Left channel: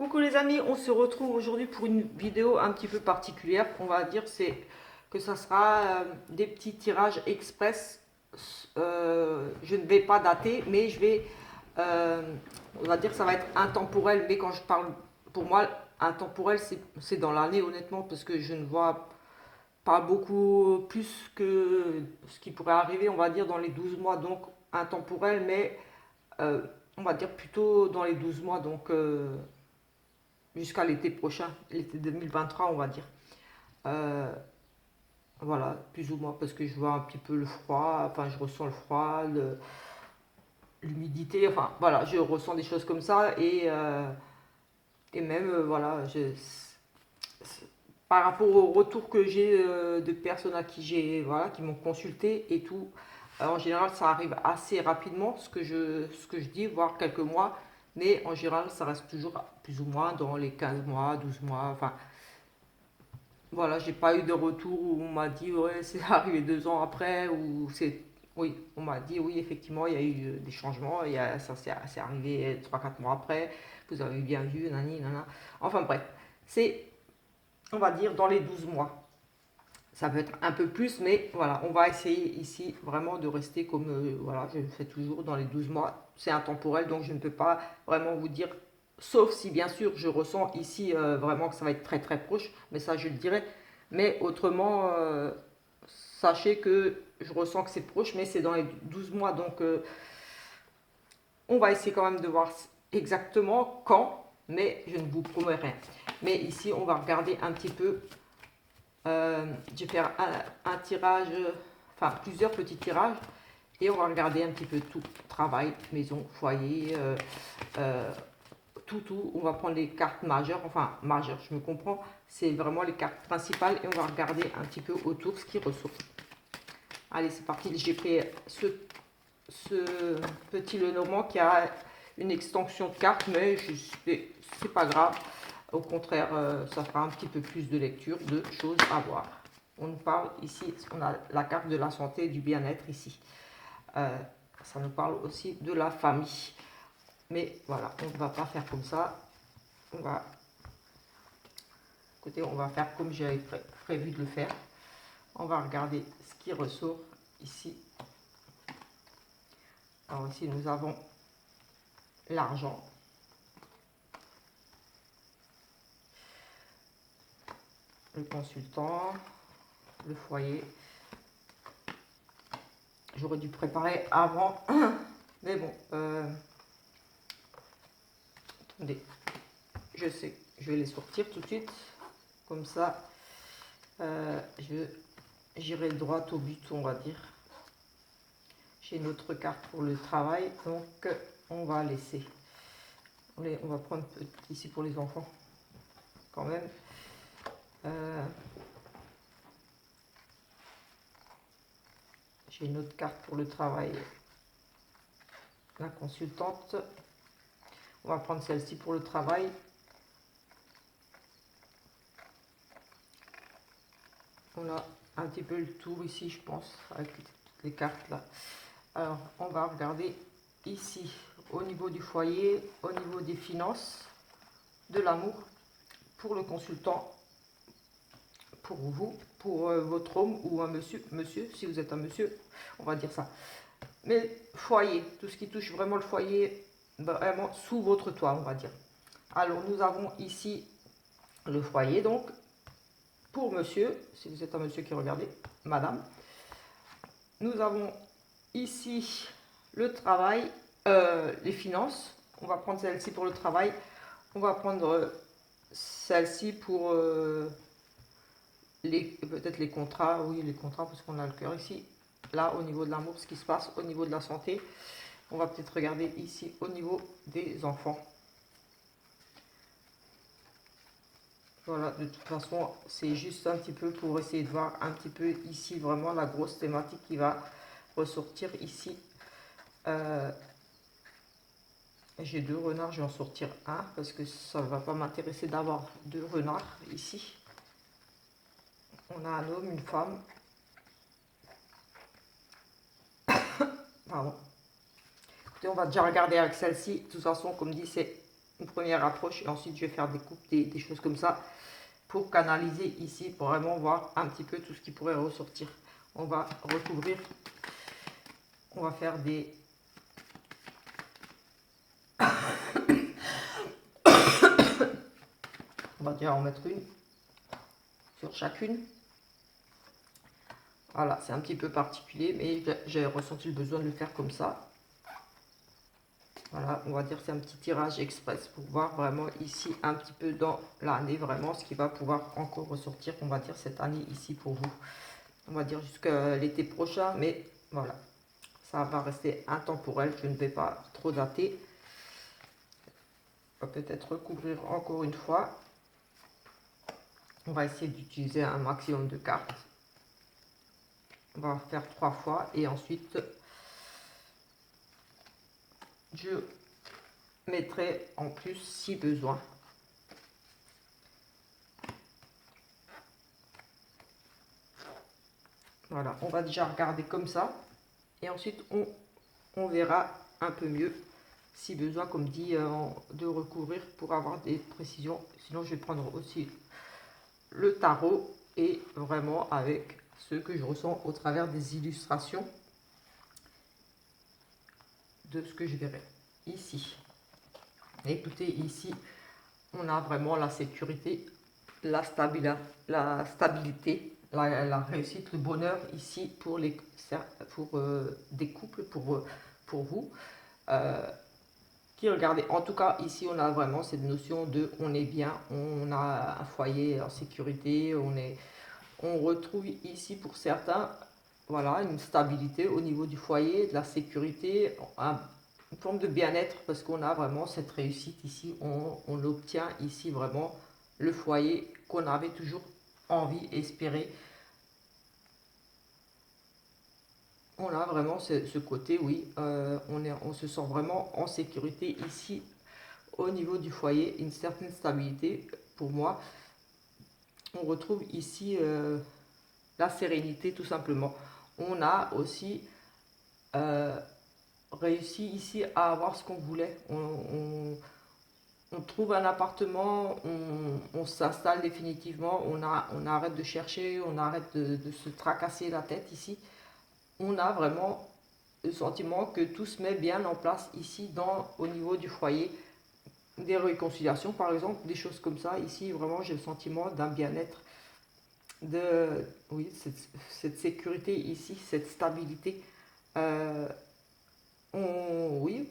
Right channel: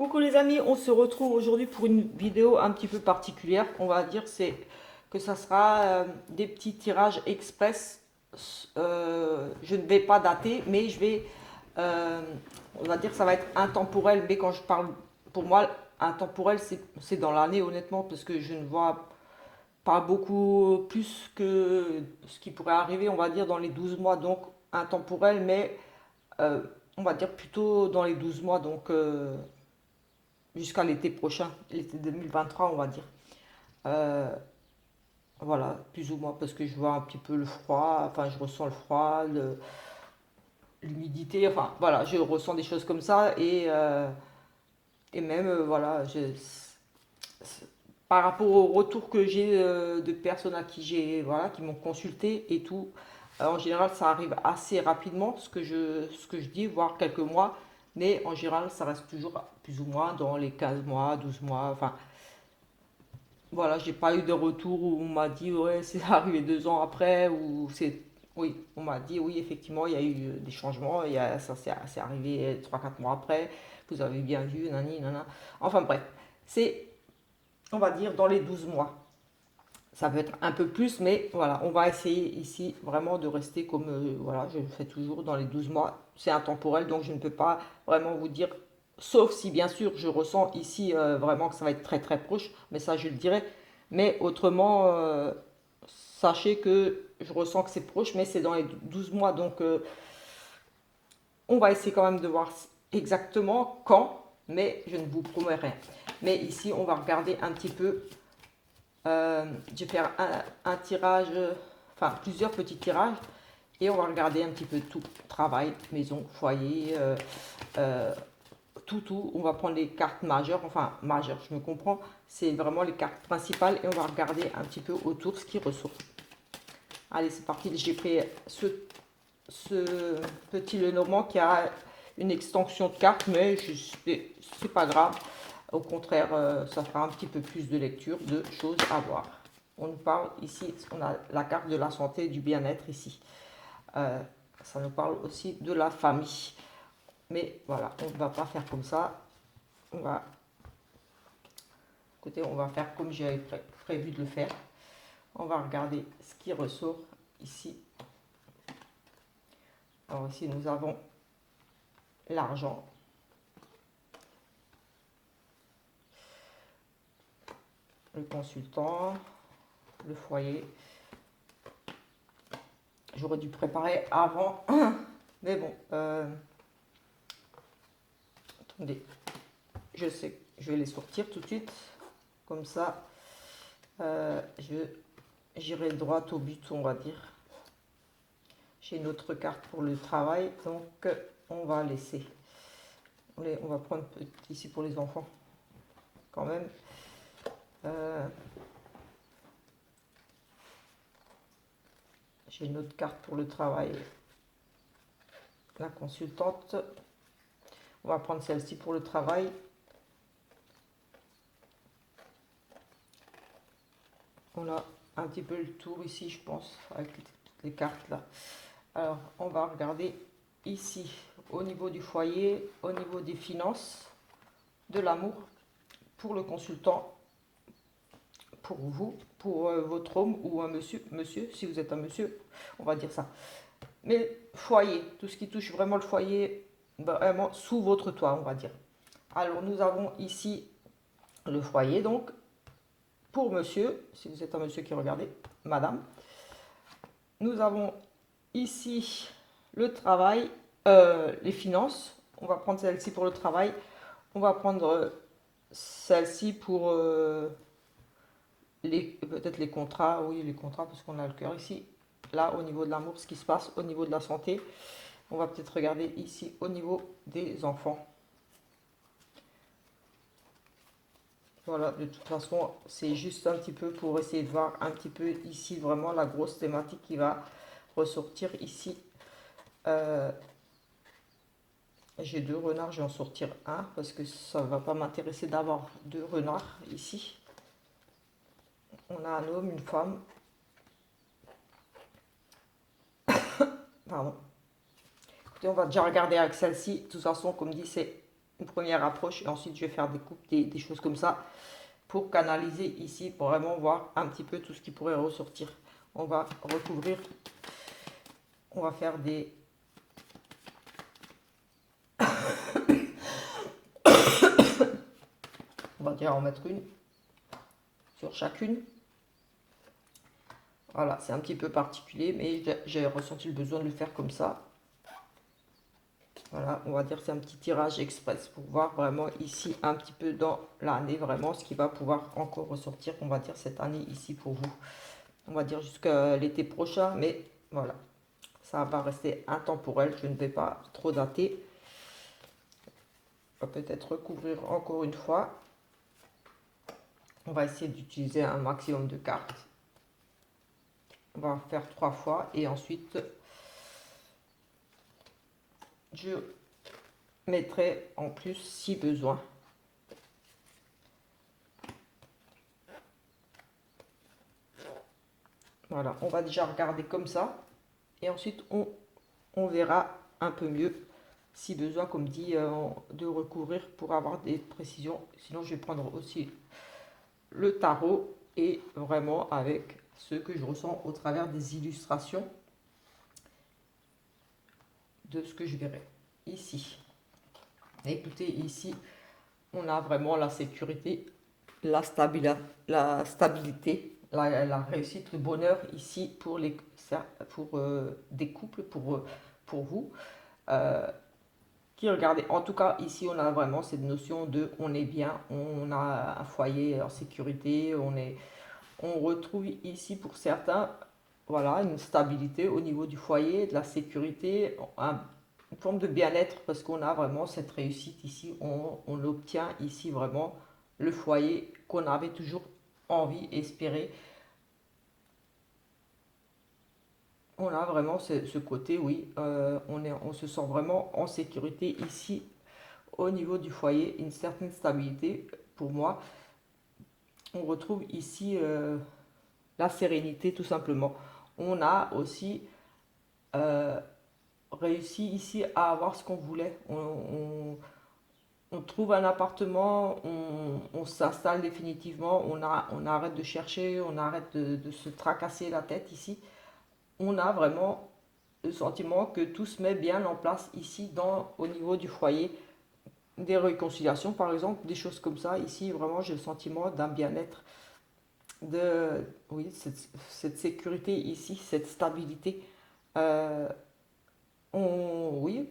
Coucou les amis, on se retrouve aujourd'hui pour une vidéo un petit peu particulière. On va dire c'est que ça sera des petits tirages express. Je ne vais pas dater, mais euh, on va dire que ça va être intemporel. Mais quand je parle, pour moi, intemporel, c'est dans l'année honnêtement, parce que je ne vois pas beaucoup plus que ce qui pourrait arriver, on va dire, dans les 12 mois. Donc intemporel, mais euh, on va dire plutôt dans les 12 mois. Donc jusqu'à l'été prochain, l'été 2023, on va dire. Euh, voilà, plus ou moins, parce que je vois un petit peu le froid, enfin, je ressens le froid, l'humidité, enfin, voilà, je ressens des choses comme ça, et même, voilà, par rapport au retour que j'ai de personnes à qui voilà, qui m'ont consulté et tout, en général, ça arrive assez rapidement, ce que je dis, voire quelques mois, mais en général, ça reste toujours plus ou moins dans les 15 mois, 12 mois, enfin, voilà, j'ai pas eu de retour où on m'a dit ouais, c'est arrivé 2 ans après ou c'est oui, on m'a dit oui, effectivement, il y a eu des changements, ça c'est arrivé 3 4 mois après, vous avez bien vu, nani, nana. Enfin bref, c'est, on va dire, dans les 12 mois. Ça peut être un peu plus, mais voilà, on va essayer ici vraiment de rester comme, voilà, je le fais toujours dans les 12 mois. C'est intemporel, donc je ne peux pas vraiment vous dire, sauf si bien sûr je ressens ici vraiment que ça va être très très proche, mais ça je le dirai. Mais autrement, sachez que je ressens que c'est proche, mais c'est dans les 12 mois, donc on va essayer quand même de voir exactement quand, mais je ne vous promets rien. Mais ici, on va regarder un petit peu. Je vais faire un tirage, enfin plusieurs petits tirages, et on va regarder un petit peu tout. Travail, maison, foyer, tout. On va prendre les cartes majeures, enfin majeures, je me comprends. C'est vraiment les cartes principales, et on va regarder un petit peu autour ce qui ressort. Allez, c'est parti. J'ai pris ce petit Lenormand qui a une extension de carte, mais c'est pas grave. Au contraire, ça fera un petit peu plus de lecture, de choses à voir. On nous parle ici, on a la carte de la santé et du bien-être ici. Euh, Ça nous parle aussi de la famille. Mais voilà, on ne va pas faire comme ça. On va, écoutez, on va faire comme j'avais prévu de le faire. On va regarder ce qui ressort ici. Alors ici, nous avons l'argent, le consultant, le foyer. J'aurais dû préparer avant, mais bon, attendez, je sais, je vais les sortir tout de suite, comme ça, j'irai droit au but, on va dire. J'ai une autre carte pour le travail, donc on va laisser. On va prendre ici pour les enfants, quand même. J'ai une autre carte pour le travail, la consultante. On va prendre celle-ci pour le travail. On a un petit peu le tour ici, je pense, avec toutes les cartes là. Alors, on va regarder ici, au niveau du foyer, au niveau des finances, de l'amour, pour le consultant, pour vous, pour votre homme ou un monsieur, si vous êtes un monsieur, on va dire ça. Mais foyer, tout ce qui touche vraiment le foyer, vraiment sous votre toit, on va dire. Alors, nous avons ici le foyer, donc, pour monsieur, si vous êtes un monsieur qui regardez, madame. Nous avons ici le travail, les finances. On va prendre celle-ci pour le travail. On va prendre celle-ci pour peut-être les contrats. Oui, les contrats, parce qu'on a le cœur ici. Là, au niveau de l'amour, ce qui se passe au niveau de la santé. On va peut-être regarder ici au niveau des enfants. Voilà, de toute façon, c'est juste un petit peu pour essayer de voir un petit peu ici vraiment la grosse thématique qui va ressortir ici. J'ai deux renards, je vais en sortir un parce que ça ne va pas m'intéresser d'avoir deux renards ici. On a un homme, une femme. Pardon. Écoutez, on va déjà regarder avec celle-ci. De toute façon, comme dit, c'est une première approche et ensuite je vais faire des coupes, des choses comme ça pour canaliser ici, pour vraiment voir un petit peu tout ce qui pourrait ressortir. On va recouvrir, on va faire des... On va déjà en mettre une sur chacune. Voilà, c'est un petit peu particulier, mais j'ai ressenti le besoin de le faire comme ça. Voilà, on va dire c'est un petit tirage express pour voir vraiment ici un petit peu dans l'année, vraiment ce qui va pouvoir encore ressortir, on va dire cette année ici pour vous. On va dire jusqu'à l'été prochain, mais voilà, ça va rester intemporel, je ne vais pas trop dater. On va peut-être recouvrir encore une fois. On va essayer d'utiliser un maximum de cartes. On va en faire 3 fois et ensuite je mettrai en plus si besoin. Voilà, on va déjà regarder comme ça et ensuite on verra un peu mieux si besoin, comme dit, de recouvrir pour avoir des précisions. Sinon, je vais prendre aussi le tarot et vraiment avec ce que je ressens au travers des illustrations de ce que je verrai ici. Écoutez, ici, on a vraiment la sécurité, la stabilité, la réussite, le bonheur ici pour, des couples, pour vous. Qui regardez, en tout cas ici on a vraiment cette notion de on est bien, on a un foyer en sécurité, on retrouve ici pour certains, voilà, une stabilité au niveau du foyer, de la sécurité, une forme de bien-être parce qu'on a vraiment cette réussite ici, on obtient ici vraiment le foyer qu'on avait toujours envie, espéré. On a vraiment ce côté, oui, on se sent vraiment en sécurité ici au niveau du foyer, une certaine stabilité pour moi. On retrouve ici la sérénité tout simplement. On a aussi réussi ici à avoir ce qu'on voulait. On trouve un appartement, on s'installe définitivement, on arrête de chercher, on arrête de se tracasser la tête ici. On a vraiment le sentiment que tout se met bien en place ici au niveau du foyer. Des réconciliations par exemple, des choses comme ça. Ici vraiment j'ai le sentiment d'un bien-être, oui, cette sécurité ici, cette stabilité. Euh, oui,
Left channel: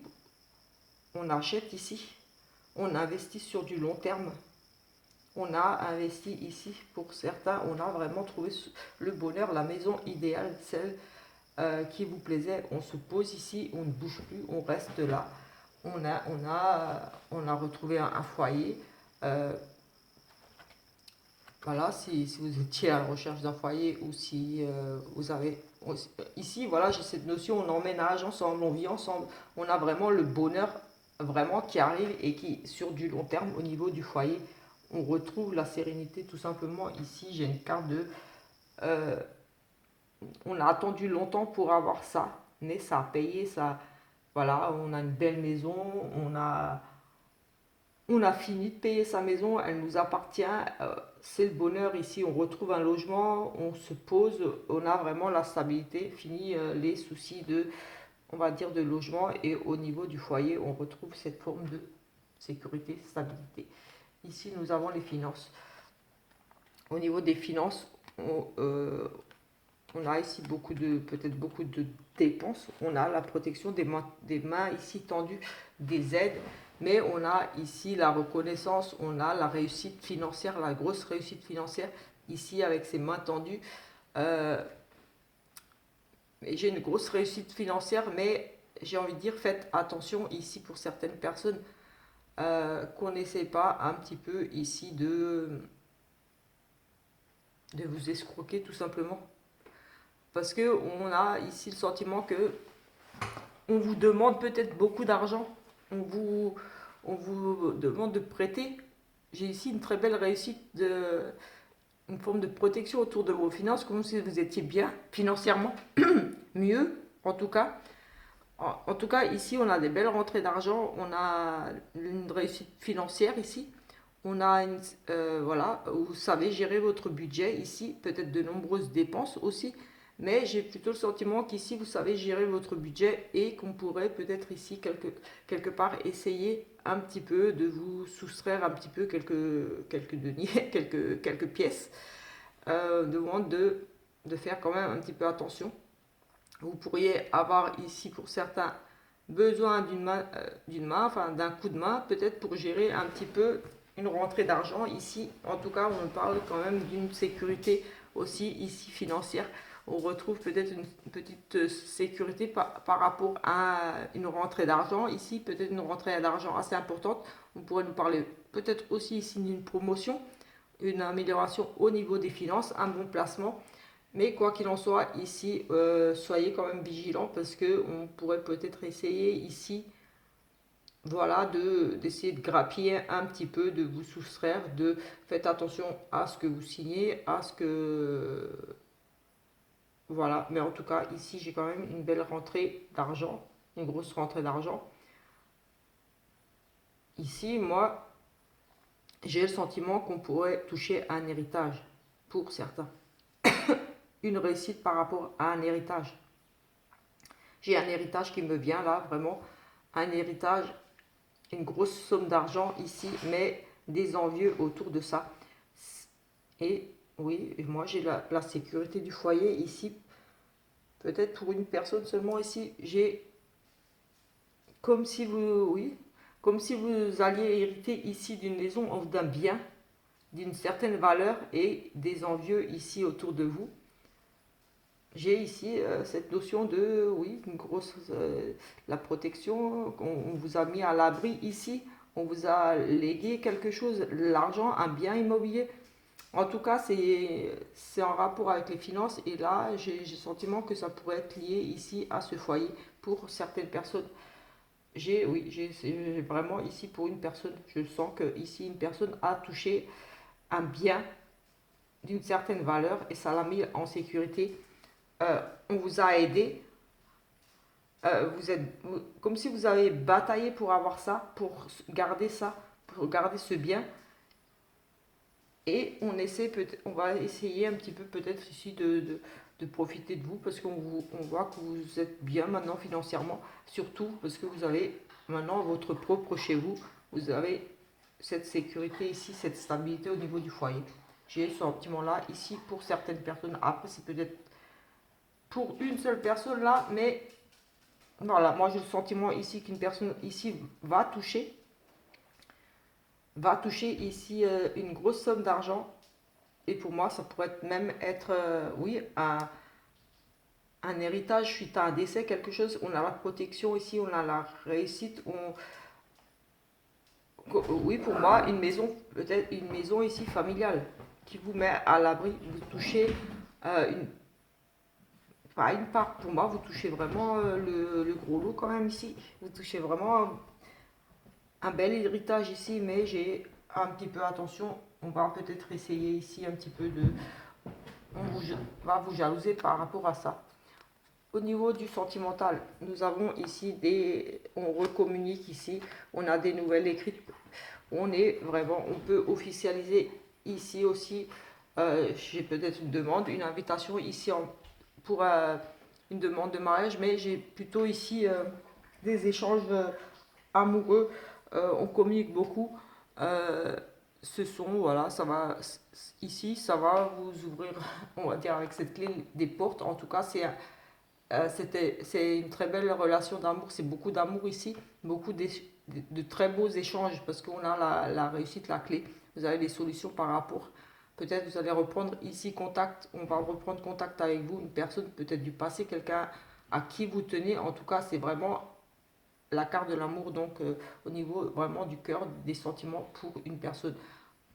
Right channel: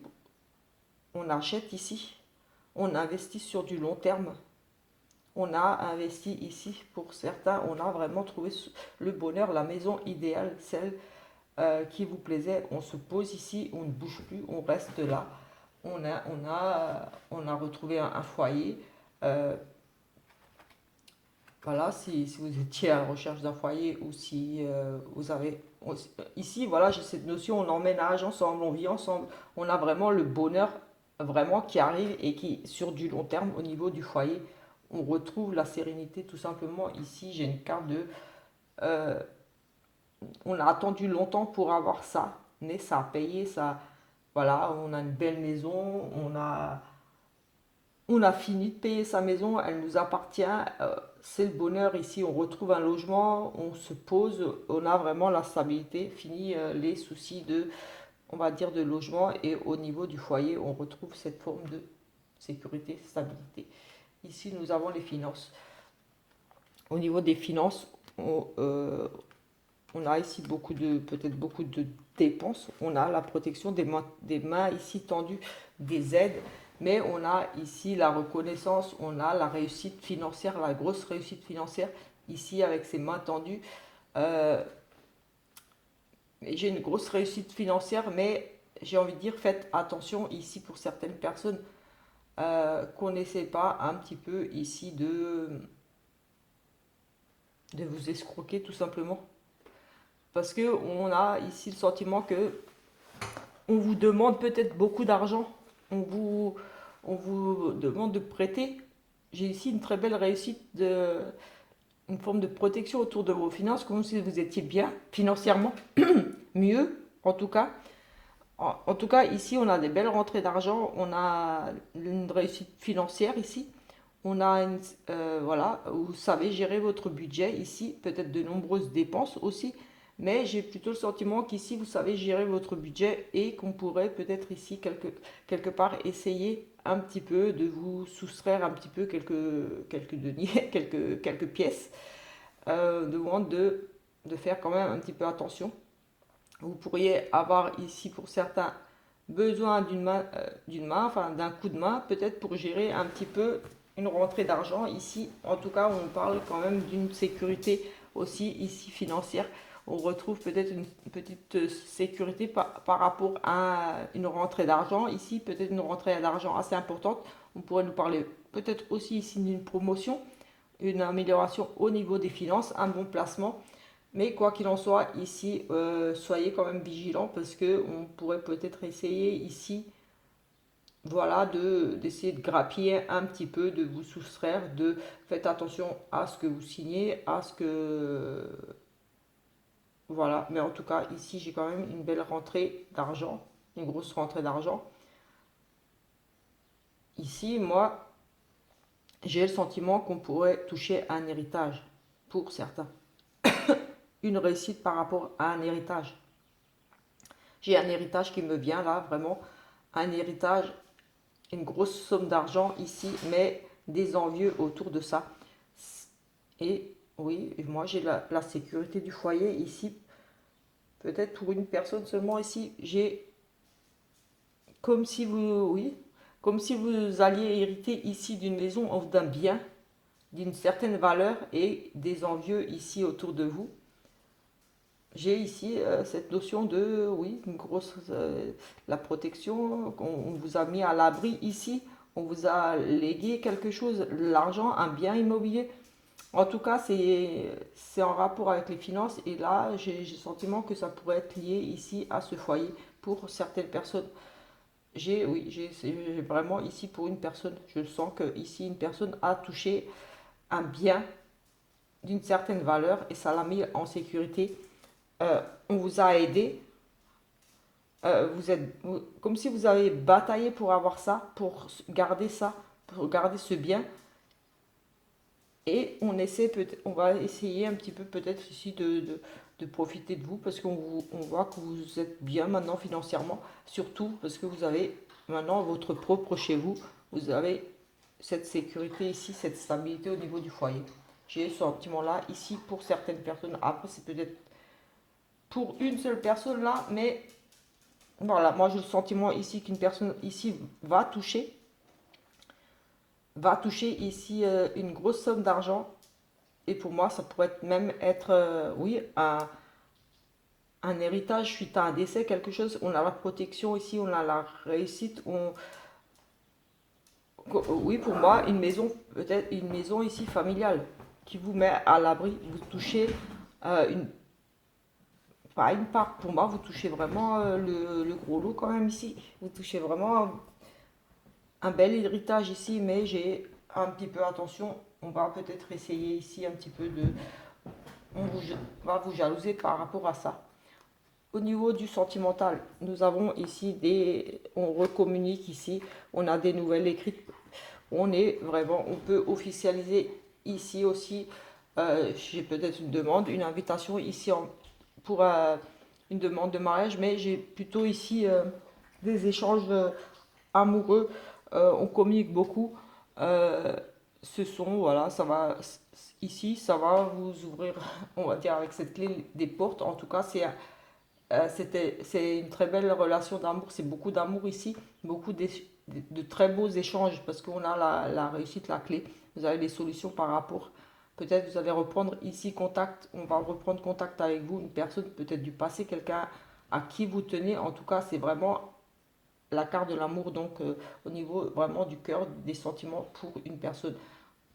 on achète ici, on investit sur du long terme. On a investi ici pour certains, on a vraiment trouvé le bonheur, la maison idéale, celle qui vous plaisait. On se pose ici, on ne bouge plus, on reste là. On a retrouvé un foyer. Voilà, si vous étiez à la recherche d'un foyer ou si vous avez... Ici, voilà, j'ai cette notion, on emménage ensemble, on vit ensemble. On a vraiment le bonheur vraiment qui arrive et qui, sur du long terme, au niveau du foyer, on retrouve la sérénité tout simplement. Ici, j'ai une carte de... euh, on a attendu longtemps pour avoir ça, mais ça a payé, ça... Voilà, on a une belle maison, on a fini de payer sa maison, elle nous appartient, c'est le bonheur ici, on retrouve un logement, on se pose, on a vraiment la stabilité, fini les soucis de, on va dire, de logement et au niveau du foyer, on retrouve cette forme de sécurité, stabilité. Ici, nous avons les finances. Au niveau des finances, on a ici peut-être beaucoup de dépenses. On a la protection des mains ici tendues, des aides. Mais on a ici la reconnaissance, on a la réussite financière, la grosse réussite financière ici avec ses mains tendues. J'ai une grosse réussite financière, mais j'ai envie de dire, faites attention ici pour certaines personnes qu'on n'essaie pas un petit peu ici de vous escroquer tout simplement. Parce qu'on a ici le sentiment que on vous demande peut-être beaucoup d'argent, on vous demande de prêter. J'ai ici une très belle réussite, une forme de protection autour de vos finances, comme si vous étiez bien financièrement, mieux en tout cas. En tout cas, ici, on a des belles rentrées d'argent, on a une réussite financière ici. On a voilà, vous savez gérer votre budget ici, peut-être de nombreuses dépenses aussi, mais j'ai plutôt le sentiment qu'ici vous savez gérer votre budget et qu'on pourrait peut-être ici quelque part essayer un petit peu de vous soustraire un petit peu quelques deniers, quelques pièces, de faire quand même un petit peu attention. Vous pourriez avoir ici pour certains besoin d'une main, enfin d'un coup de main, peut-être pour gérer un petit peu une rentrée d'argent. Ici, en tout cas, on parle quand même d'une sécurité aussi ici financière. On retrouve peut-être une petite sécurité par rapport à une rentrée d'argent. Ici, peut-être une rentrée d'argent assez importante. On pourrait nous parler peut-être aussi ici d'une promotion, une amélioration au niveau des finances, un bon placement. Mais quoi qu'il en soit, ici, soyez quand même vigilants parce que on pourrait peut-être essayer ici, voilà, d'essayer de grappiller un petit peu, de vous soustraire, de faites attention à ce que vous signez, à ce que voilà. Mais en tout cas, ici, j'ai quand même une belle rentrée d'argent, une grosse rentrée d'argent. Ici, moi, j'ai le sentiment qu'on pourrait toucher à un héritage pour certains, une réussite par rapport à un héritage. J'ai un héritage qui me vient là, vraiment, un héritage, une grosse somme d'argent ici, mais des envieux autour de ça. Et oui, moi j'ai la sécurité du foyer ici. Peut-être pour une personne seulement ici, j'ai comme si vous, oui, comme si vous alliez hériter ici d'une maison ou d'un bien d'une certaine valeur et des envieux ici autour de vous. J'ai ici cette notion de, oui, une grosse, la protection, on vous a mis à l'abri ici, on vous a légué quelque chose, l'argent, un bien immobilier. En tout cas, c'est en rapport avec les finances et là, j'ai le sentiment que ça pourrait être lié ici à ce foyer pour certaines personnes. Oui, j'ai vraiment ici pour une personne, je sens que ici une personne a touché un bien d'une certaine valeur et ça l'a mis en sécurité. On vous a aidé, comme si vous avez bataillé pour avoir ça, pour garder ce bien. Et on va essayer un petit peu peut-être ici de profiter de vous parce on voit que vous êtes bien maintenant financièrement, surtout parce que vous avez maintenant votre propre chez vous, vous avez cette sécurité ici, cette stabilité au niveau du foyer. J'ai ce sentiment-là ici pour certaines personnes. Après, c'est peut-être pour une seule personne là, mais voilà, moi j'ai le sentiment ici qu'une personne ici va toucher ici une grosse somme d'argent. Et pour moi, ça pourrait même être, oui, un héritage suite à un décès, quelque chose. On a la protection ici, on a la réussite. Oui, pour moi, une maison, peut-être une maison ici familiale, qui vous met à l'abri. Vous touchez une, pas une part. Pour moi, vous touchez vraiment le gros lot quand même ici. Vous touchez vraiment un bel héritage ici, mais j'ai un petit peu attention. On va peut-être essayer ici un petit peu de. On vous, va vous jalouser par rapport à ça. Au niveau du sentimental, nous avons ici on recommunique ici, on a des nouvelles écrites, on peut officialiser ici aussi. J'ai peut-être une demande, une invitation ici pour une demande de mariage, mais j'ai plutôt ici des échanges amoureux. On communique beaucoup. Euh, voilà, ici, ça va vous ouvrir, on va dire avec cette clé, des portes. En tout cas, c'est une très belle relation d'amour, c'est beaucoup d'amour ici, de très beaux échanges parce qu'on a la réussite, la clé. Vous avez des solutions par rapport. Peut-être vous allez reprendre ici contact, on va reprendre contact avec vous, une personne peut-être du passé, quelqu'un à qui vous tenez. En tout cas, c'est vraiment la carte de l'amour, donc au niveau vraiment du cœur, des sentiments pour une personne.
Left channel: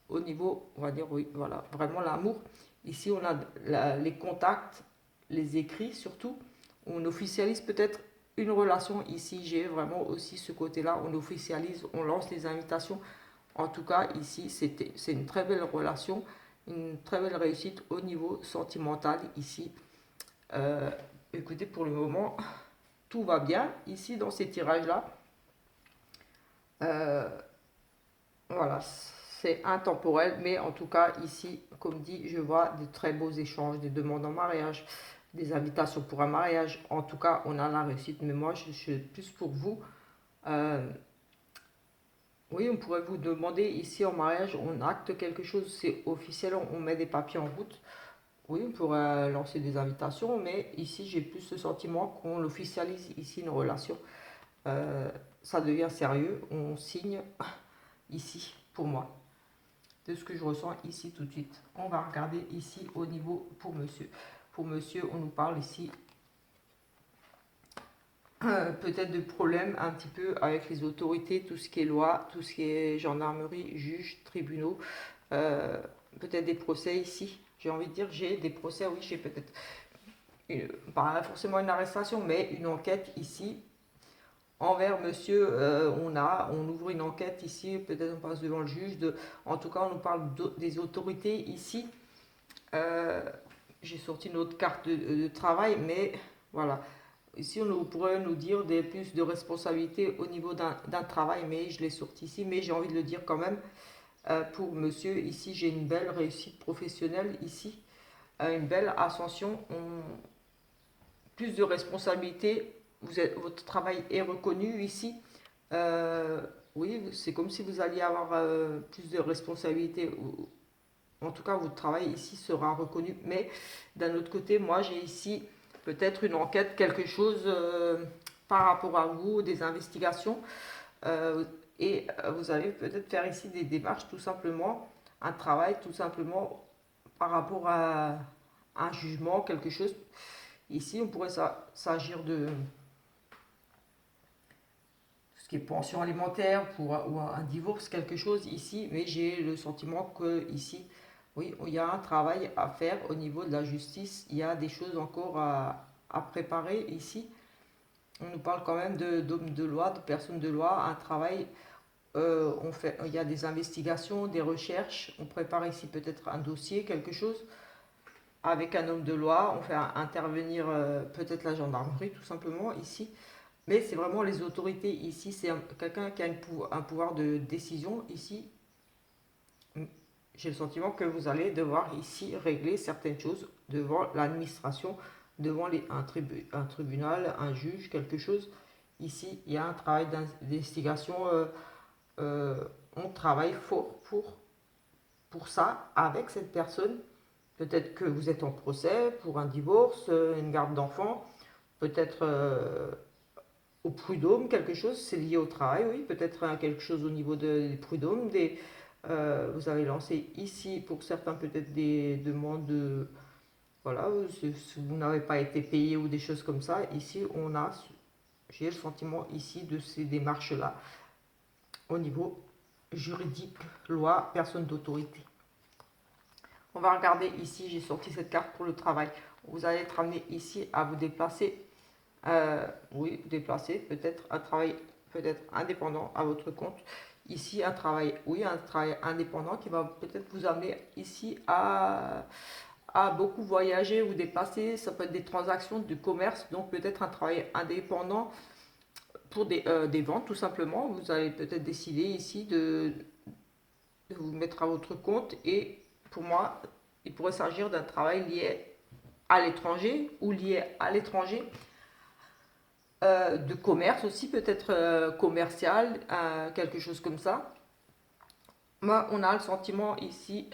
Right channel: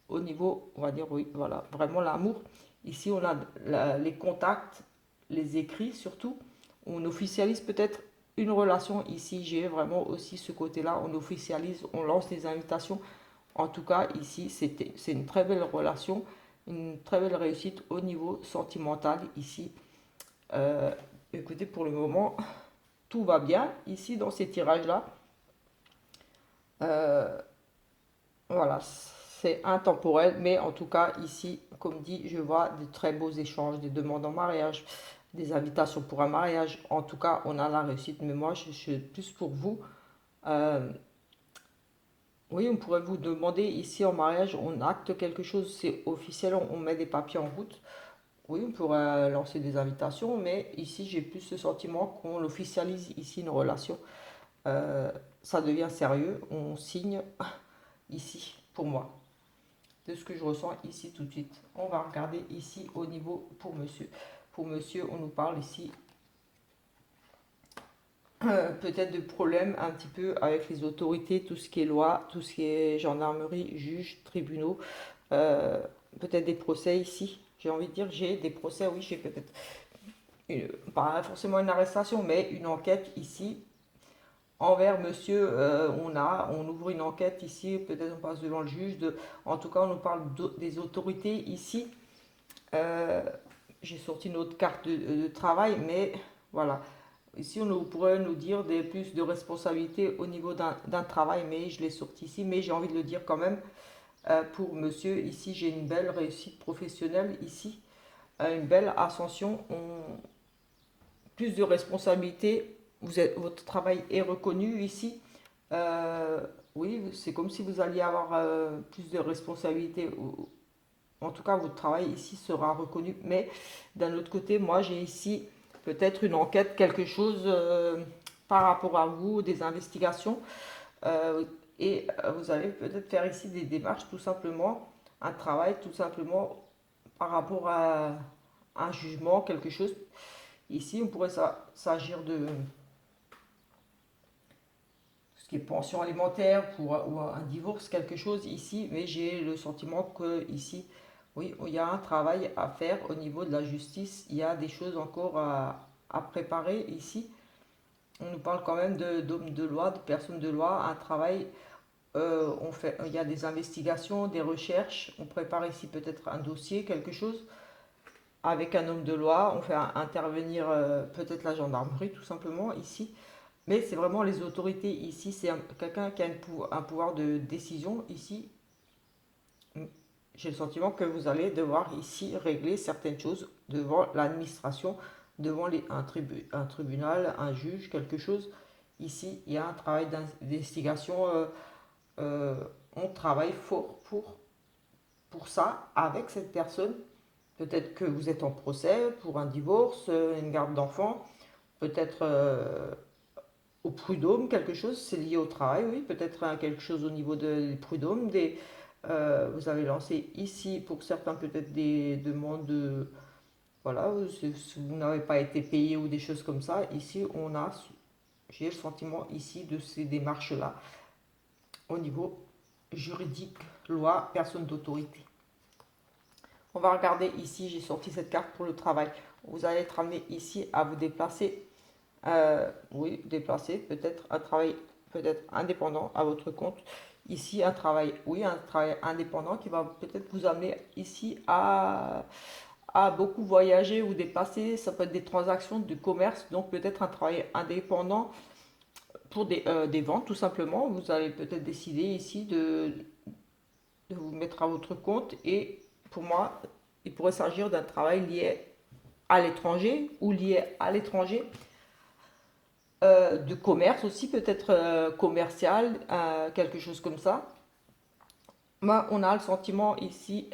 Au niveau, on va dire, oui, voilà, vraiment l'amour. Ici, on a les contacts, les écrits surtout. On officialise peut-être une relation. Ici, j'ai vraiment aussi ce côté-là. On officialise, on lance des invitations. En tout cas, ici, c'est une très belle relation, une très belle réussite au niveau sentimental. Ici, écoutez, pour le moment, tout va bien ici dans ces tirages-là. Euh, voilà, c'est intemporel, mais en tout cas ici, comme dit, je vois de très beaux échanges, des demandes en mariage, des invitations pour un mariage. En tout cas, on a la réussite, mais moi, je suis plus pour vous. Euh, oui, on pourrait vous demander ici en mariage, on acte quelque chose, c'est officiel, on met des papiers en route. Oui, on pourrait lancer des invitations, mais ici, j'ai plus ce sentiment qu'on officialise ici une relation. Euh, Ça devient sérieux, on signe ici, pour moi, de ce que je ressens ici tout de suite. On va regarder ici au niveau pour monsieur. Pour monsieur, on nous parle ici peut-être de problèmes un petit peu avec les autorités, tout ce qui est loi, tout ce qui est gendarmerie, juges, tribunaux, euh, peut-être des procès ici. J'ai envie de dire, j'ai des procès, oui, j'ai peut-être pas forcément une arrestation, mais une enquête ici envers monsieur. On ouvre une enquête ici, peut-être on passe devant le juge. En tout cas, on nous parle des autorités ici. Euh, j'ai sorti notre carte de travail, mais voilà. Ici, on pourrait nous dire plus de responsabilités au niveau d'un travail, mais je l'ai sorti ici, mais j'ai envie de le dire quand même. Pour monsieur, ici, j'ai une belle réussite professionnelle, ici, une belle ascension, plus de responsabilités, votre travail est reconnu ici. Euh, oui, c'est comme si vous alliez avoir plus de responsabilités. En tout cas, votre travail ici sera reconnu. Mais d'un autre côté, moi, j'ai ici peut-être une enquête, quelque chose par rapport à vous, des investigations. Euh, et vous allez peut-être faire ici des démarches, tout simplement, un travail, tout simplement, par rapport à un jugement, quelque chose. Ici, on pourrait s'agir de ce qui est pension alimentaire ou un divorce, quelque chose ici, mais j'ai le sentiment que ici, oui, il y a un travail à faire au niveau de la justice, il y a des choses encore à préparer ici. On nous parle quand même d'hommes de loi, de personnes de loi, un travail, il y a des investigations, des recherches, on prépare ici peut-être un dossier, quelque chose. Avec un homme de loi, on fait intervenir peut-être la gendarmerie tout simplement ici. Mais c'est vraiment les autorités ici, c'est quelqu'un qui a un pouvoir de décision ici. J'ai le sentiment que vous allez devoir ici régler certaines choses devant l'administration, devant un tribunal, un juge, quelque chose. Ici, il y a un travail d'investigation. Euh, on travaille fort pour ça avec cette personne. Peut-être que vous êtes en procès pour un divorce, une garde d'enfants, peut-être au prud'homme, quelque chose, c'est lié au travail, oui, peut-être quelque chose au niveau des prud'hommes. Vous avez lancé ici, pour certains, peut-être des demandes de. Voilà, si vous n'avez pas été payé ou des choses comme ça. Ici, j'ai le sentiment ici de ces démarches-là au niveau juridique, loi, personne d'autorité. On va regarder ici, j'ai sorti cette carte pour le travail. Vous allez être amené ici à vous déplacer. Oui, déplacer, peut-être un travail peut-être indépendant à votre compte. Ici, un travail, oui, un travail indépendant qui va peut-être vous amener ici à beaucoup voyager ou déplacer. Ça peut être des transactions de commerce, donc peut-être un travail indépendant pour des ventes tout simplement. Vous allez peut-être décider ici de vous mettre à votre compte et pour moi, il pourrait s'agir d'un travail lié à l'étranger ou lié à l'étranger, de commerce aussi, peut-être commercial, quelque chose comme ça. Moi, on a le sentiment ici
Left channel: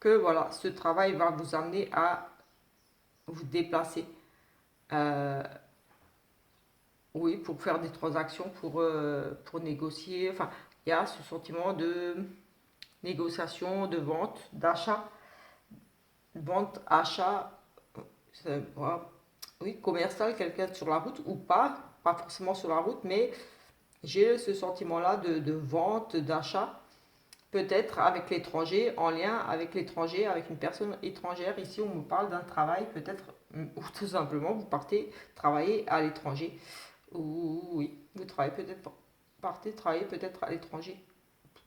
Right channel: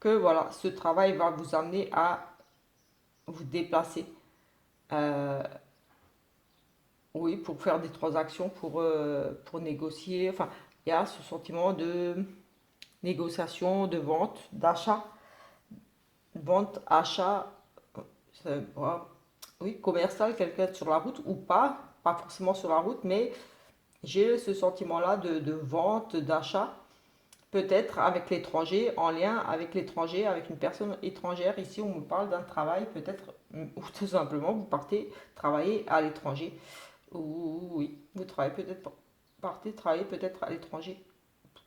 que voilà, ce travail va vous amener à vous déplacer. Euh, oui, pour faire des transactions, pour négocier. Enfin, il y a ce sentiment de négociation, de vente, d'achat, vente, achat, voilà. Oui, commercial, quelqu'un sur la route ou pas forcément sur la route, mais j'ai ce sentiment-là de vente, d'achat, peut-être avec l'étranger, en lien avec l'étranger, avec une personne étrangère. Ici, on me parle d'un travail, peut-être, ou tout simplement, vous partez travailler à l'étranger. Ou oui, vous travaillez peut-être, partez travailler peut-être à l'étranger.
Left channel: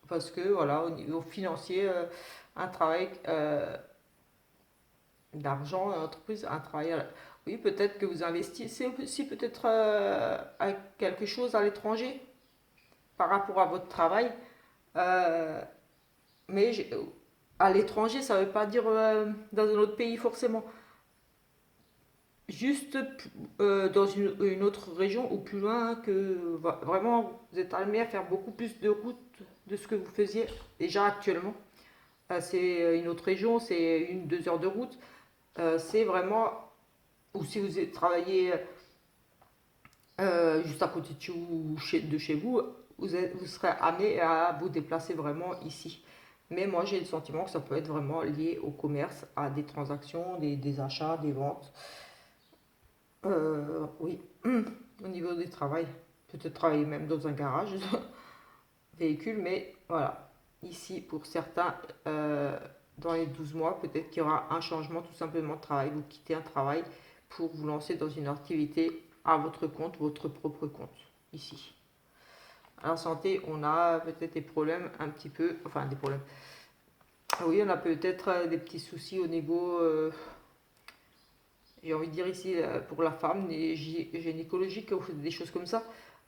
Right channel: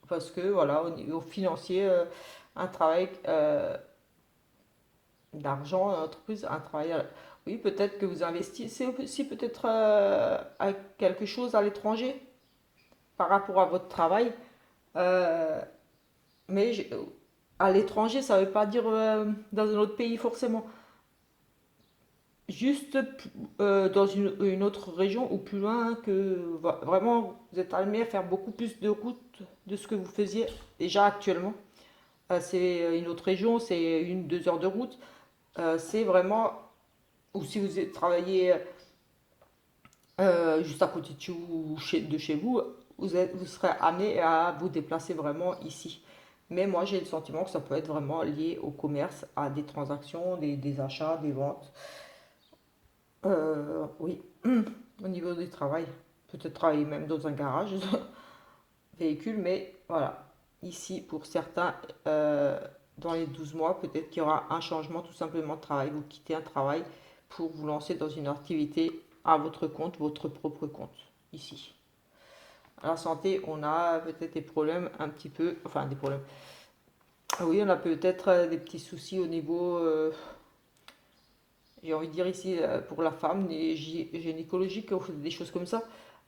Parce que, voilà, au niveau financier, un travail d'argent, entreprise, un travail Oui, peut-être que vous investissez aussi peut-être à quelque chose à l'étranger par rapport à votre travail. Euh, mais à l'étranger, ça ne veut pas dire dans un autre pays forcément. Juste dans une autre région ou plus loin que vraiment vous êtes amené à faire beaucoup plus de routes de ce que vous faisiez déjà actuellement. C'est une autre région, c'est 1, 2 heures de route. C'est vraiment, ou si vous travaillez juste à côté de chez vous, de chez vous, vous serez amené à vous déplacer vraiment ici. Mais moi, j'ai le sentiment que ça peut être vraiment lié au commerce, à des transactions, des achats, des ventes. Oui, au niveau du travail. Peut-être travailler même dans un garage, véhicule, mais voilà. Ici, pour certains, dans les 12 mois, peut-être qu'il y aura un changement tout simplement de travail. Vous quittez un travail pour vous lancer dans une activité à votre compte, votre propre compte, ici. À la santé, on a peut-être des problèmes un petit peu, enfin des problèmes. Oui, on a peut-être des petits soucis au niveau, j'ai envie de dire ici, pour la femme, gynécologiques, des choses comme ça.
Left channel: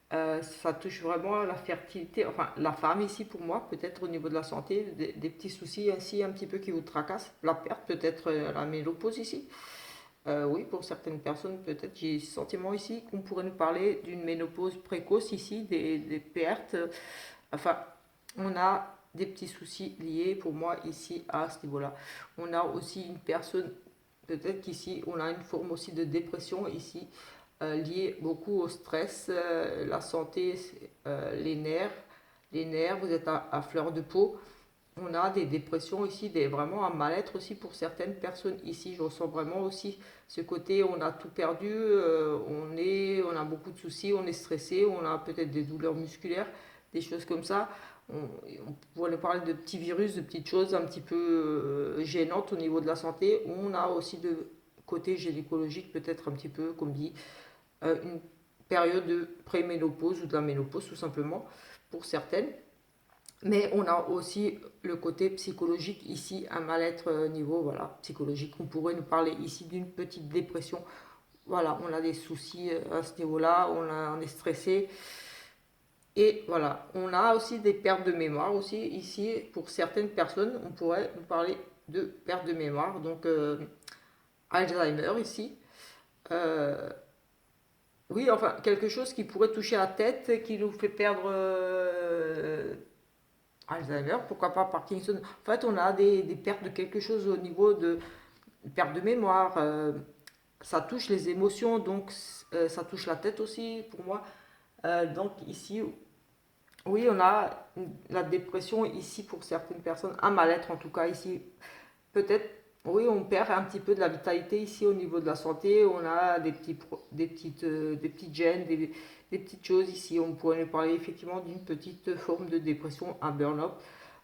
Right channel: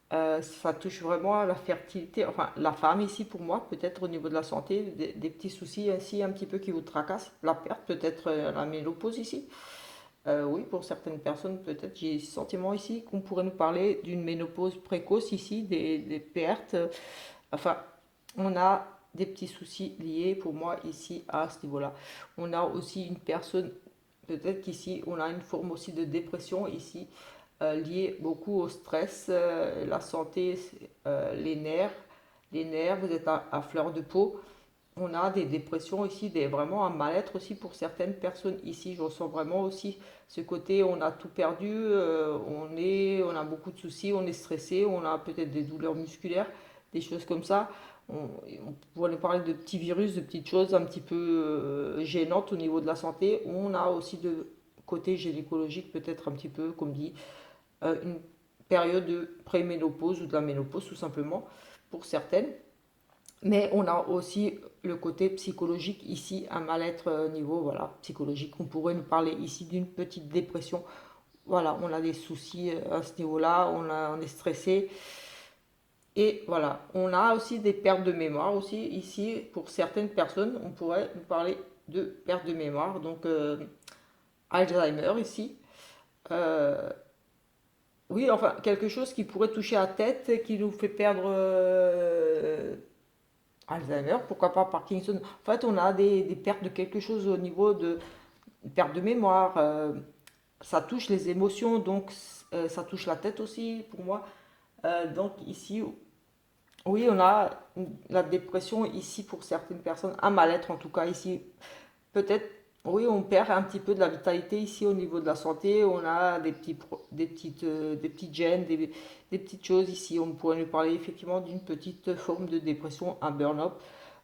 Ça touche vraiment la fertilité, enfin la femme ici pour moi, peut-être au niveau de la santé, des petits soucis ainsi un petit peu qui vous tracassent, la perte, peut-être la ménopause ici. Oui, pour certaines personnes, peut-être j'ai le sentiment ici qu'on pourrait nous parler d'une ménopause précoce ici, des pertes. Enfin, on a des petits soucis liés pour moi ici à ce niveau-là. On a aussi une personne, peut-être qu'ici on a une forme aussi de dépression ici liée beaucoup au stress, la santé, les nerfs, vous êtes à fleur de peau. On a des dépressions ici, vraiment un mal-être aussi pour certaines personnes ici. Je ressens vraiment aussi ce côté, on a tout perdu, on a beaucoup de soucis, on est stressé, on a peut-être des douleurs musculaires, des choses comme ça. On pourrait parler de petits virus, de petites choses un petit peu gênantes au niveau de la santé. On a aussi de côté gynécologique, peut-être un petit peu, comme dit, une période de préménopause ou de la ménopause tout simplement pour certaines. Mais on a aussi le côté psychologique ici, un mal-être niveau voilà, psychologique. On pourrait nous parler ici d'une petite dépression. Voilà, on a des soucis à ce niveau-là, on est stressé. Et voilà, on a aussi des pertes de mémoire aussi ici. Pour certaines personnes, on pourrait nous parler de perte de mémoire. Donc Alzheimer ici. Euh, oui, enfin, quelque chose qui pourrait toucher à la tête, qui nous fait perdre Alzheimer, pourquoi pas Parkinson. En fait, on a des pertes de quelque chose au niveau de perte de mémoire. Ça touche les émotions, donc ça touche la tête aussi pour moi. Donc ici, oui, on a la dépression ici pour certaines personnes, un mal-être en tout cas ici. Peut-être, oui, on perd un petit peu de la vitalité ici au niveau de la santé. On a des petites gènes, des petites choses ici. On pourrait nous parler effectivement d'une petite forme de dépression, un burn-out.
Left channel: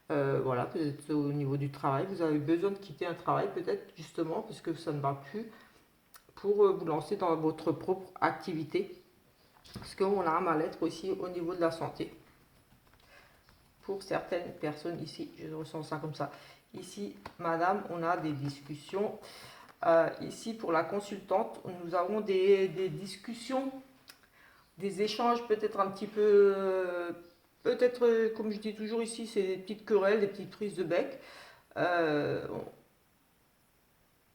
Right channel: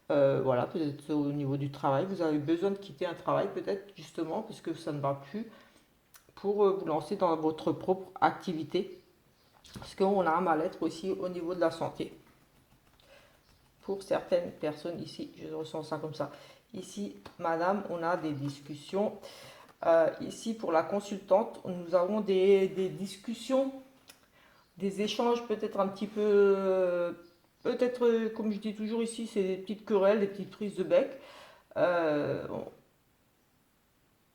Voilà, peut-être au niveau du travail, vous avez besoin de quitter un travail, peut-être justement, parce que ça ne va plus, pour vous lancer dans votre propre activité. Parce qu'on a un mal-être aussi au niveau de la santé. Pour certaines personnes ici, je ressens ça comme ça. Ici, madame, on a des discussions. Ici, pour la consultante, nous avons des discussions, des échanges peut-être un petit peu, peut-être, comme je dis toujours ici, c'est des petites querelles, des petites prises de bec. Euh,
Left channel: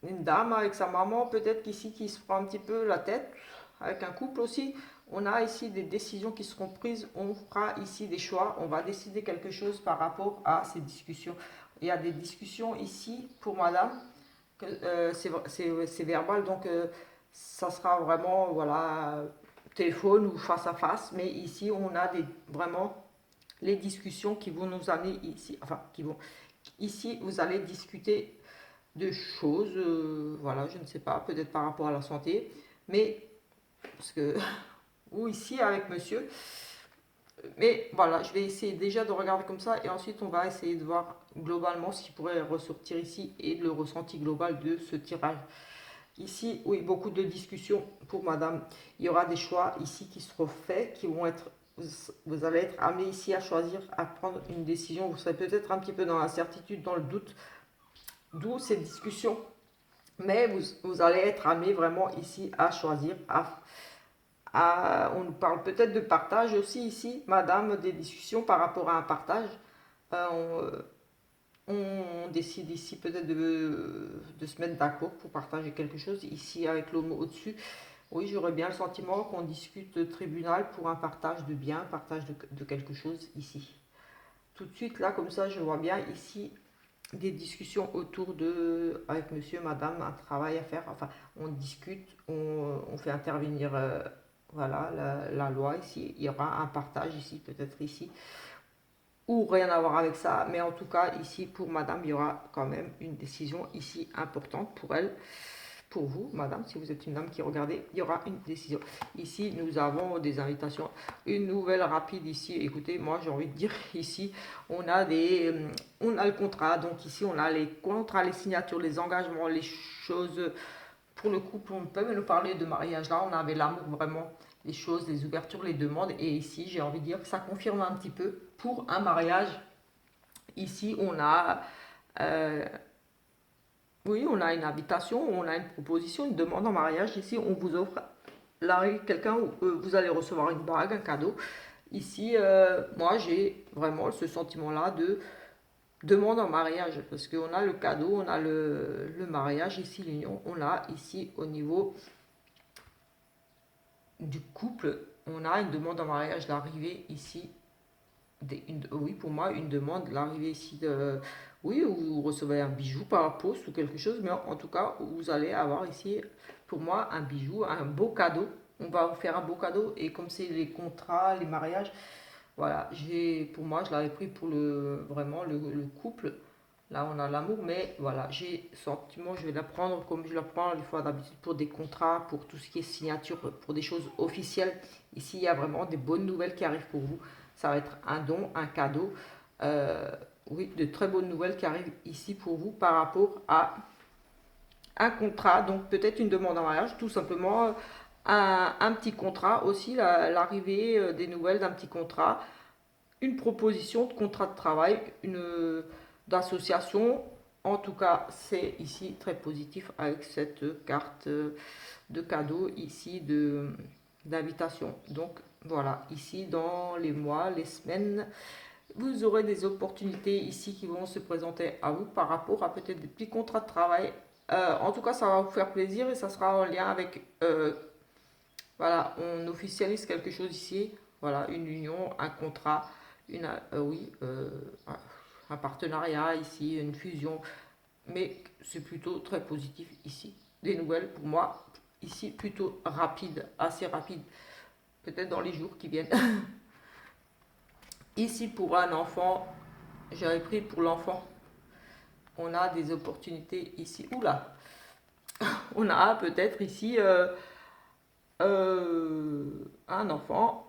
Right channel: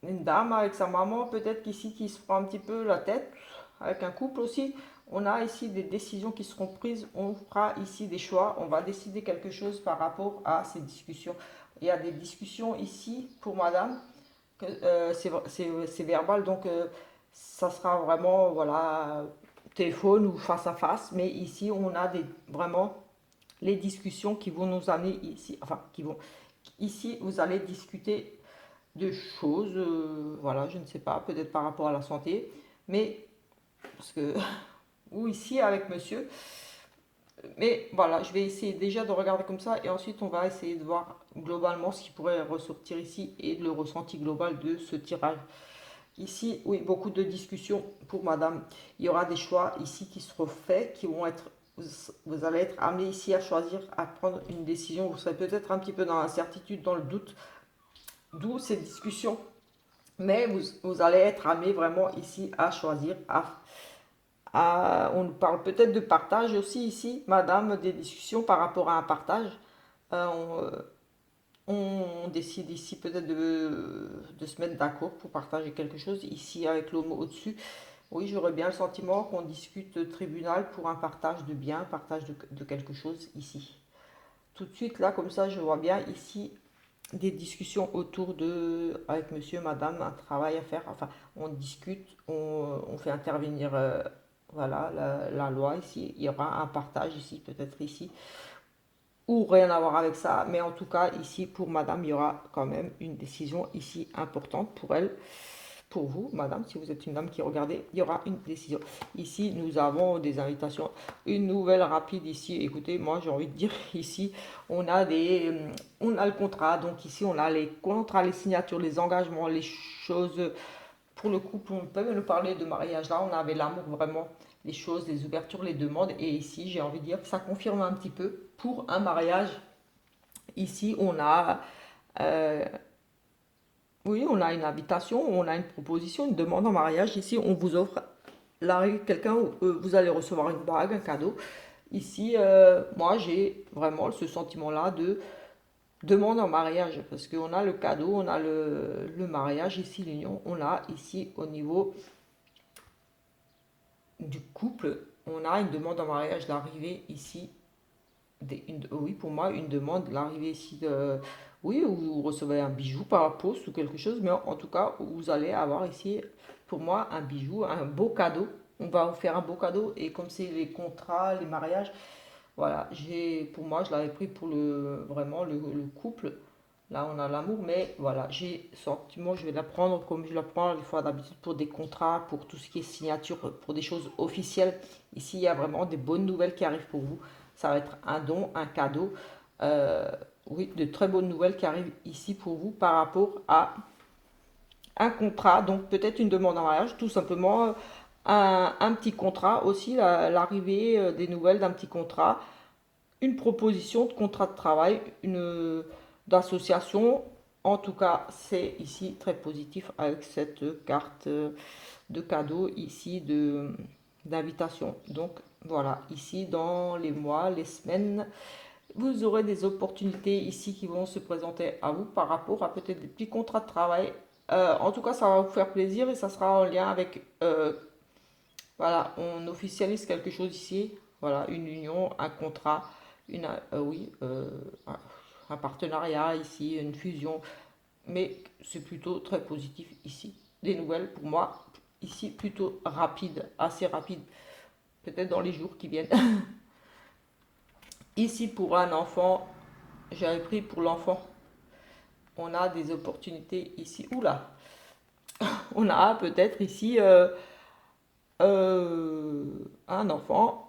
une dame avec sa maman, peut-être qu'ici, qui se prend un petit peu la tête, avec un couple aussi. On a ici des décisions qui seront prises, on fera ici des choix, on va décider quelque chose par rapport à ces discussions. Il y a des discussions ici pour madame, que, c'est verbal, donc ça sera vraiment voilà, téléphone ou face à face, mais ici on a vraiment les discussions qui vont nous amener ici, enfin qui vont, ici vous allez discuter de choses, voilà, je ne sais pas, peut-être par rapport à la santé, mais parce que, ou ici avec monsieur, mais voilà, je vais essayer déjà de regarder comme ça et ensuite on va essayer de voir globalement ce qui pourrait ressortir ici et le ressenti global de ce tirage. Ici, oui, beaucoup de discussions pour madame. Il y aura des choix ici qui seront faits, qui vont être, vous allez être amené ici à choisir, à prendre une décision. Vous serez peut-être un petit peu dans l'incertitude, dans le doute, d'où ces discussions Mais vous allez être amené vraiment ici à choisir, on nous parle peut-être de partage aussi ici, madame, des discussions par rapport à un partage. Euh, on décide ici peut-être de se mettre d'accord pour partager quelque chose. Ici, avec le mot au-dessus, oui, j'aurais bien le sentiment qu'on discute de tribunal pour un partage de biens, partage de quelque chose ici. Tout de suite, là, comme ça, je vois bien ici des discussions autour de, avec monsieur, madame, un travail à faire. Enfin, on discute, on fait intervenir voilà, la loi ici. Il y aura un partage ici, peut-être ici, ou rien à voir avec ça. Mais en tout cas, ici, pour madame, il y aura quand même une décision ici importante pour elle. Pour vous, madame, si vous êtes une dame qui regardez, il y aura une décision. Ici, nous avons des invitations. Une nouvelle rapide ici. Écoutez, moi, j'ai envie de dire ici, on a on a le contrat. Donc ici, on a les contrats, les signatures, les engagements, les choses pour le couple. On peut nous parler de mariage. Là, on avait l'amour vraiment, les choses, les ouvertures, les demandes. Et ici, j'ai envie de dire que ça confirme un petit peu pour un mariage. Ici, on a euh, oui, on a une invitation, on a une proposition, une demande en mariage. Ici, on vous offre quelqu'un, vous allez recevoir une bague, un cadeau. Ici, moi, j'ai vraiment ce sentiment-là de demande en mariage, parce qu'on a le cadeau, on a le mariage, ici, l'union. On a ici, au niveau du couple, on a une demande en mariage d'arrivée ici. Oui, pour moi, une demande, l'arrivée ici de... Oui, vous recevez un bijou par la poste ou quelque chose, mais en tout cas, vous allez avoir ici, pour moi, un bijou, un beau cadeau. On va vous faire un beau cadeau. Et comme c'est les contrats, les mariages, voilà, pour moi, je l'avais pris pour vraiment le couple. Là, on a l'amour, mais voilà, j'ai sentiment, je vais la prendre comme je la prends une fois d'habitude pour des contrats, pour tout ce qui est signature, pour des choses officielles. Ici, il y a vraiment des bonnes nouvelles qui arrivent pour vous. Ça va être un don, un cadeau. Euh, oui, de très bonnes nouvelles qui arrivent ici pour vous par rapport à un contrat. Donc, peut-être une demande en mariage, tout simplement un petit contrat aussi, l'arrivée des nouvelles d'un petit contrat, une proposition de contrat de travail, une d'association. En tout cas, c'est ici très positif avec cette carte de cadeau ici d'invitation. Donc voilà, ici dans les mois, les semaines, vous aurez des opportunités ici qui vont se présenter à vous par rapport à peut-être des petits contrats de travail. En tout cas, ça va vous faire plaisir et ça sera en lien avec, voilà, on officialise quelque chose ici. Voilà, une union, un contrat, oui, un partenariat ici, une fusion. Mais c'est plutôt très positif ici. Des nouvelles pour moi, ici plutôt rapide, assez rapide, peut-être dans les jours qui viennent. Ici pour un enfant, j'avais pris pour l'enfant, on a des opportunités ici. Oula, on a peut-être ici un enfant.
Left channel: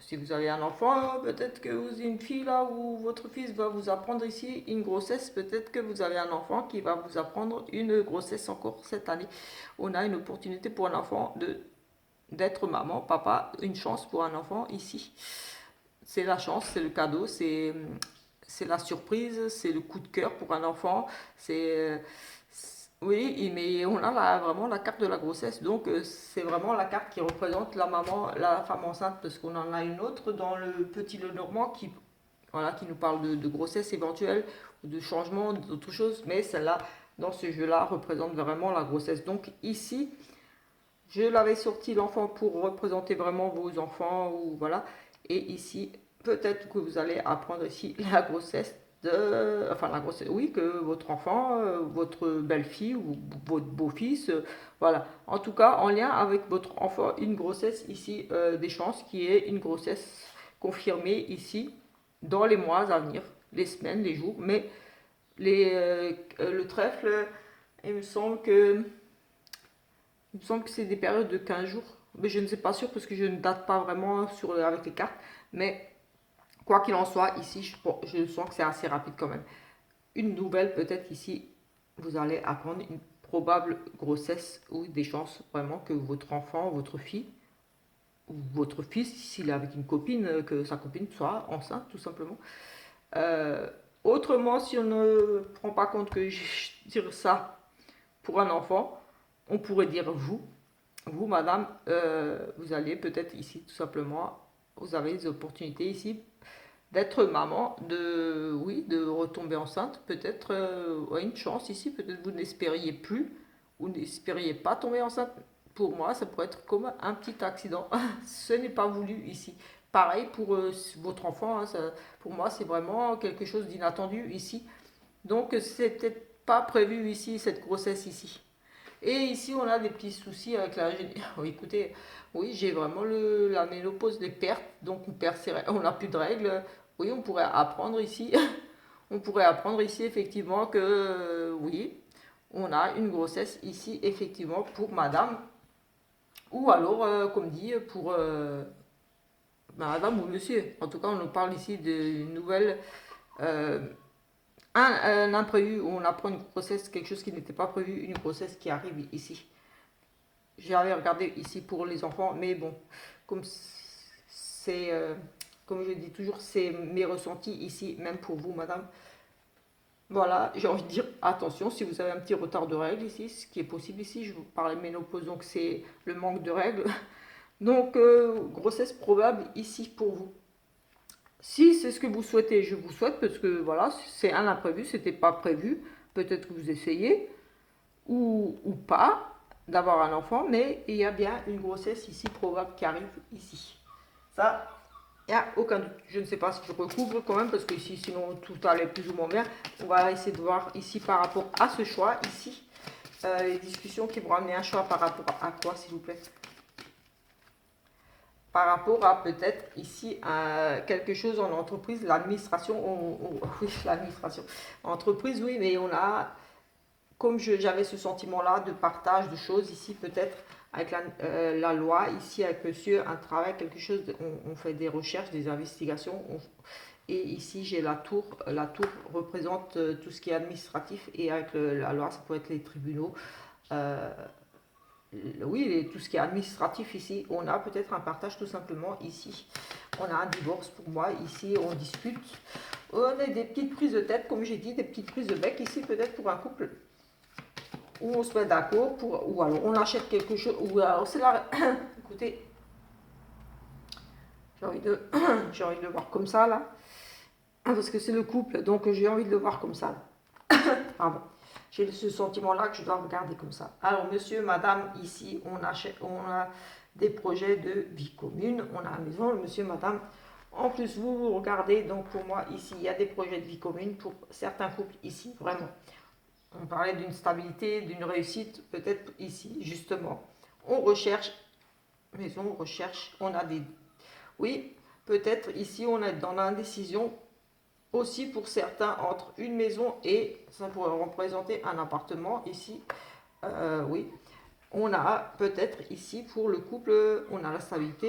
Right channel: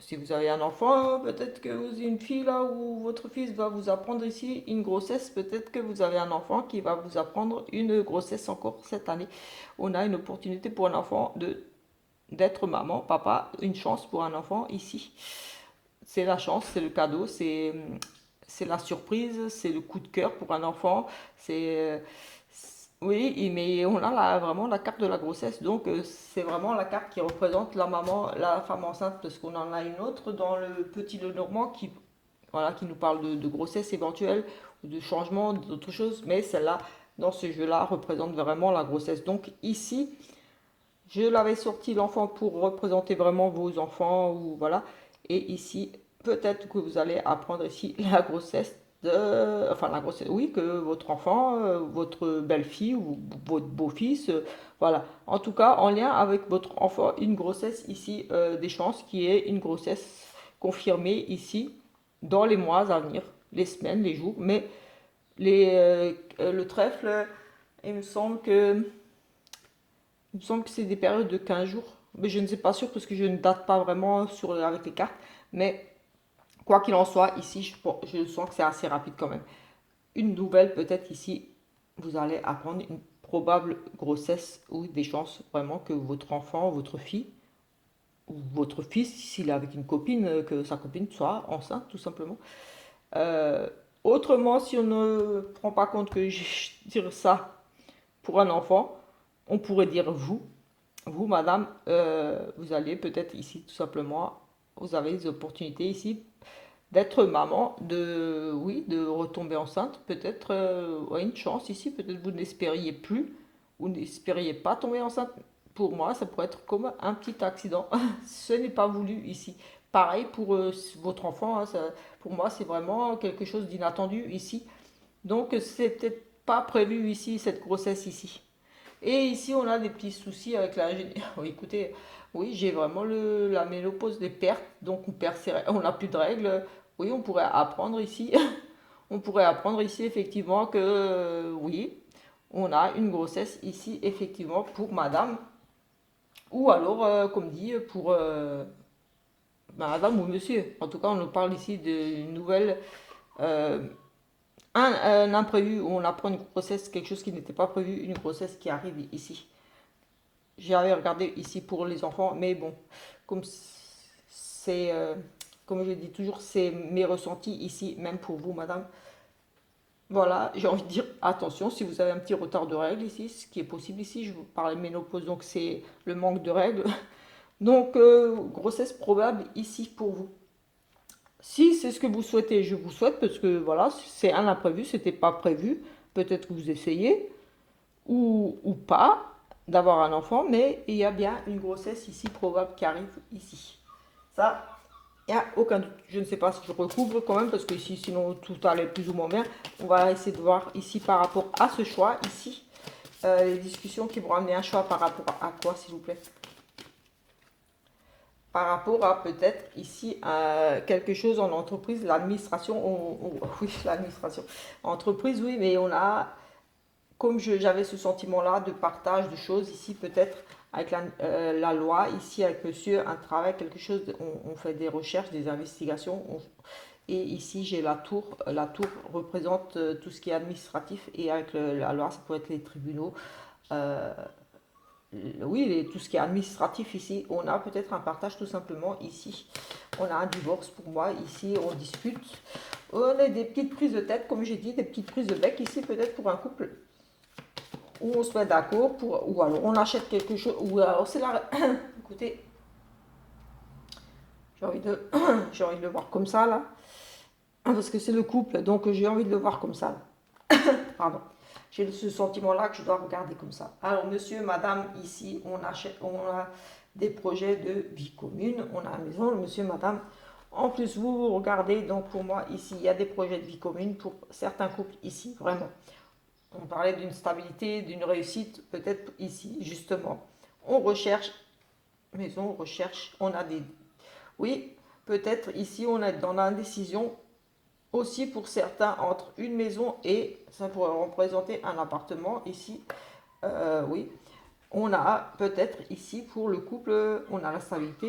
Si vous avez un enfant, peut-être que vous avez une fille là où votre fils va vous apprendre ici une grossesse. Peut-être que vous avez un enfant qui va vous apprendre une grossesse encore cette année. On a une opportunité pour un enfant d'être maman, papa, une chance pour un enfant ici. C'est la chance, c'est le cadeau, c'est la surprise, c'est le coup de cœur pour un enfant. Oui, mais on a vraiment la carte de la grossesse, donc c'est vraiment la carte qui représente la maman, la femme enceinte, parce qu'on en a une autre dans le petit Lenormand qui, voilà, qui nous parle de grossesse éventuelle, de changement, d'autres choses, mais celle-là, dans ce jeu-là, représente vraiment la grossesse. Donc ici, je l'avais sorti l'enfant pour représenter vraiment vos enfants ou voilà. Et ici, peut-être que vous allez apprendre ici la grossesse enfin la grossesse, oui, que votre enfant, votre belle-fille ou votre beau-fils, voilà. En tout cas, en lien avec votre enfant, une grossesse ici, des chances qui est une grossesse confirmée ici dans les mois à venir, les semaines, les jours. Mais le trèfle, il me semble que c'est des périodes de 15 jours. Mais je ne sais pas sûr parce que je ne date pas vraiment avec les cartes. Mais quoi qu'il en soit, ici, je sens que c'est assez rapide quand même. Une nouvelle, peut-être ici, vous allez apprendre une probable grossesse ou des chances vraiment que votre enfant, votre fille, ou votre fils, s'il est avec une copine, que sa copine soit enceinte tout simplement. Euh, Autrement, si on ne prend pas compte que je tire ça pour un enfant, on pourrait dire vous madame, vous allez peut-être ici tout simplement, vous avez des opportunités ici d'être maman, de, oui, de retomber enceinte, peut-être ouais, une chance ici, peut-être vous n'espériez plus, vous n'espériez pas tomber enceinte. Pour moi, ça pourrait être comme un petit accident. Ce n'est pas voulu ici. Pareil pour votre enfant, hein, pour moi, c'est vraiment quelque chose d'inattendu ici. Donc, c'est peut-être pas prévu ici, cette grossesse ici. Et ici, on a des petits soucis avec la... Oh, écoutez, oui, j'ai vraiment la ménopause des pertes. Donc, on n'a plus de règles. Oui, on pourrait apprendre ici. On pourrait apprendre ici, effectivement, que oui, on a une grossesse ici, effectivement, pour madame. Ou alors, comme dit, pour madame ou monsieur. En tout cas, on nous parle ici d'une nouvelle... euh, un imprévu où on apprend une grossesse, quelque chose qui n'était pas prévu, une grossesse qui arrive ici. J'avais regardé ici pour les enfants, mais bon, comme c'est, comme je dis toujours, c'est mes ressentis ici, même pour vous, madame. Voilà, j'ai envie de dire attention si vous avez un petit retard de règles ici, ce qui est possible ici. Je vous parlais de ménopause, donc c'est le manque de règles. Donc, grossesse probable ici pour vous. Si c'est ce que vous souhaitez, je vous souhaite, parce que voilà, c'est un imprévu, c'était pas prévu. Peut-être que vous essayez, ou pas d'avoir un enfant, mais il y a bien une grossesse ici probable qui arrive ici. Ça, il n'y a aucun doute. Je ne sais pas si je recouvre quand même, parce que ici, sinon tout allait plus ou moins bien. On va essayer de voir ici par rapport à ce choix, ici, les discussions qui vont ramener un choix par rapport à quoi, s'il vous plaît? Par rapport à peut-être ici quelque chose en entreprise, l'administration, oui, l'administration, entreprise, oui, mais on a comme j'avais ce sentiment-là de partage de choses ici, peut-être avec la loi, ici avec monsieur, un travail, quelque chose, on fait des recherches, des investigations, et ici j'ai la tour. La tour représente tout ce qui est administratif, et avec la loi, ça peut être les tribunaux. Euh, oui, tout ce qui est administratif ici, on a peut-être un partage tout simplement ici. On a un divorce pour moi, ici on discute. On a des petites prises de tête, comme j'ai dit, des petites prises de bec ici, peut-être pour un couple où on se met d'accord pour, ou alors on achète quelque chose, ou alors c'est la, écoutez, j'ai envie de, j'ai envie de le voir comme ça là, parce que c'est le couple, donc j'ai envie de le voir comme ça. Pardon. J'ai ce sentiment-là que je dois regarder comme ça. Alors, monsieur, madame, ici, on a des projets de vie commune, on a la maison, monsieur, madame. En plus, vous regardez, donc pour moi, ici, il y a des projets de vie commune pour certains couples ici, vraiment. On parlait d'une stabilité, d'une réussite, peut-être ici, justement. On recherche, maison, on recherche, on a des... Oui, peut-être ici, on est dans l'indécision aussi pour certains entre une maison et, ça pourrait représenter un appartement ici. Oui, on a peut-être ici pour le couple, on a la stabilité.